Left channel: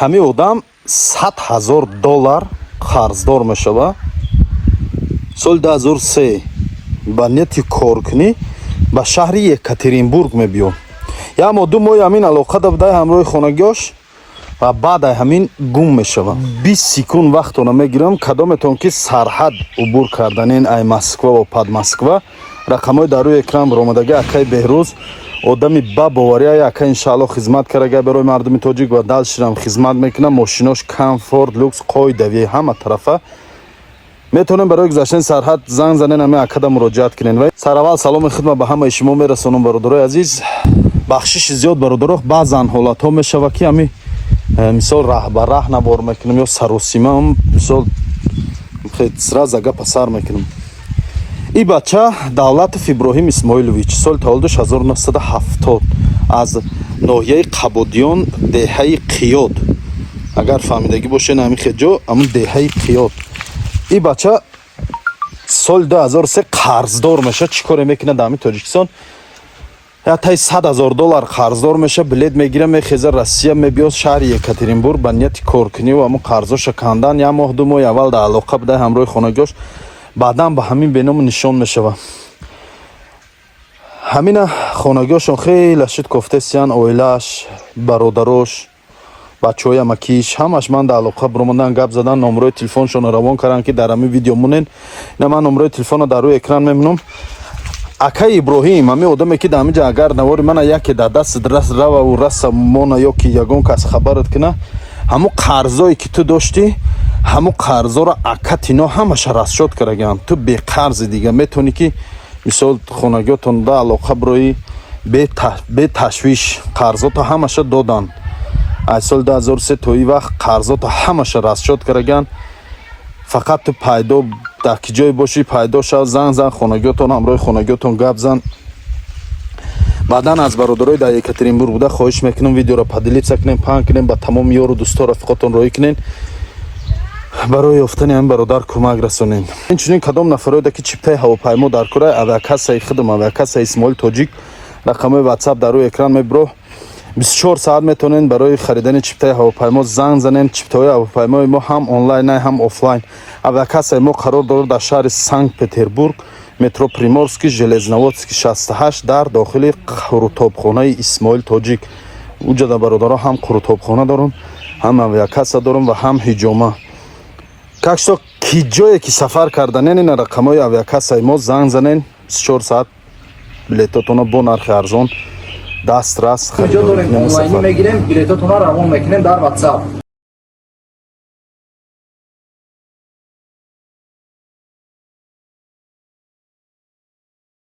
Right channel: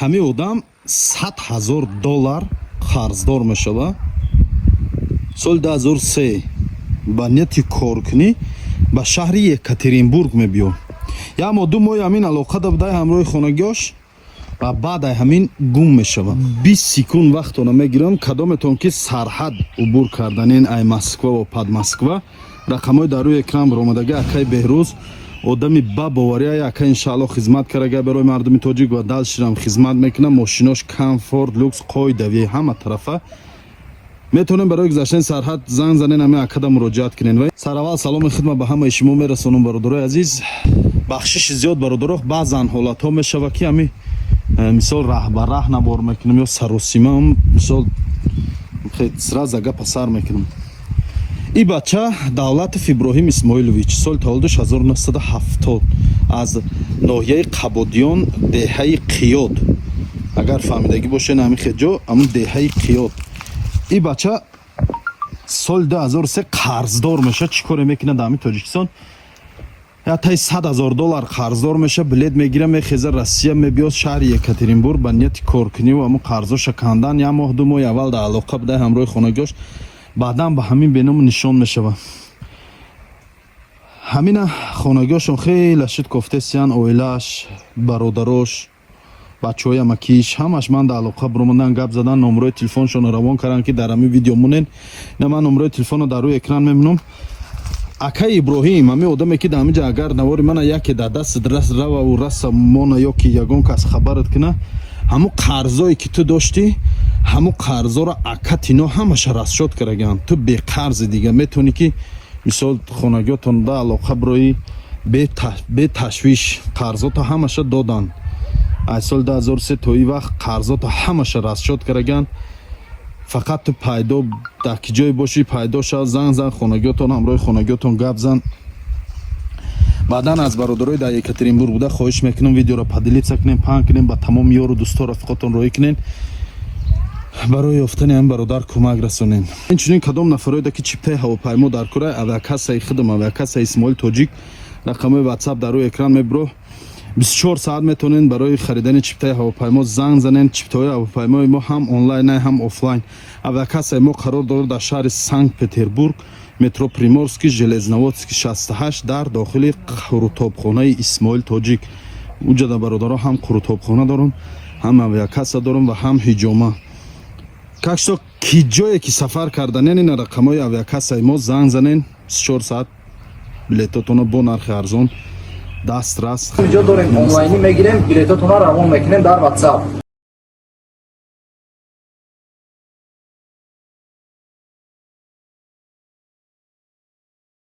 ҳамин одам $100,000 қарздор мешава. соли 2003 ба нияти коркунӣ ба шаҳри Екатеринбург мебиём. ямо 2 моҳи ҳамин алоқа давдай ҳамроҳи хонагиёш ва баъд ҳамин гум мешава. 20 секунд вақтона мегирам кадометон ки сарҳад убур карданен ай Москва ва Подмосква. рақамҳои дар рӯи экран баромадаги акаи Беҳрӯз одами ба боварияи ака иншаалло хизмат карага барои мардуми тоҷик ва далширам хизмат мекунам. мошинош комфорт люкс қоидави ҳама тарафа метавонем барои гузаштани сарҳад занг занен ҳамин акада муроҷиат кунен. ва сараввал саломи хидмат ба ҳамаи шумо мерасонам бародарои азиз. бахшиши зиёд бародаро баъзан ҳолатҳо мешава ки ҳамин мисол раҳ ба раҳ навор мекунам ё саросима мисол сразу гапа сар мекунам. ин бача Давлатов Иброҳим Исмоилович соли таваллудаш 1970 аз ноҳияи Қабодиён деҳаи Қиёд, агар фаҳмидагӣ бошед ҳамин хеҷо ҳамун деҳаи Қиёд. ин бача соли 2003 қарздор меша. чӣ коре мекунад ҳамин Тоҷикистон? ятаи $100,000 қарздор меша. билет мегира мехеза Россия мебиёд шаҳри Екатеринбург ба нияти коркунӣ ва ҳамун қарздоша кандан. як моҳ 2 моҳи аввал дар алоқа будай ҳамроҳи хонагиёш баъдан ба ҳамин беному нишон мешава. ҳамина хонагиёшон хеле шуд кофтесиян оилааш бародарош бачаҳои амакиш ҳамаш ман дар алоқа буромадан гап задан номерои телефоншонро равон кардан ки дар ҳамин видео монен. ина ман номерои телефонро дар рӯи экран мемонам. акаи Иброҳим ҳамин одаме ки дар ҳамин ҷа агар навори мана яке дар дасти раву раса мона ё ки ягон кас хабарат куна ҳамун қарзое ки ту дошти ҳамун қарзоро ака тино ҳамаша расшод караган. ту беқарзи дига метавонӣ ки мисол хонагиётон дар алоқа бирои беташвиш қарзото ҳамаша додан. аз соли 2003 то ин вақт қарзото ҳамаша расшод караган. фақат ту пайдо дар ки ҷое бошӣ пайдо шав занг зан хонагиётон ҳамроҳи хонагиётон гап зан. баъдан аз бародарои дар Екатеринбург буда хоҳиш мекунам видеоро падилитса кунем паҳн кунем ба тамоми ёру дӯсто рафиқотон роҳӣ кунен барои ёфтани ҳамин бародар кӯмак расонем. инчунин кадом нафароеда ки чиптаи ҳавопаймо дар кораи авиакассаи хидм авиакассаи Исмоил Тоҷик рақамҳои WhatsApp дар рӯи экран мебро 24 соат метавонен барои харидани чиптаи ҳавопаймо занг занен. чиптаҳои ҳавопаймои мо ҳам онлайн ҳам офлайн. авиакассаи мо қарор дорад дар шаҳри Санкт-Петербург метро Приморский железноводский 68 дар дохили қурутобхонаи Исмоил Тоҷик. уҷа да бародаро ҳам қурутобхона дорам ҳам авиакасса дорам ва ҳам ҳиҷома. как что ки ҷое ки сафар карданен ин рақамҳои авиакассаи мо занг занен 24 соат билетотонро бо нархи арзон дастрас ҷо дорем онлайнӣ мегирем билетотонро равон мекунем дар WhatsApp.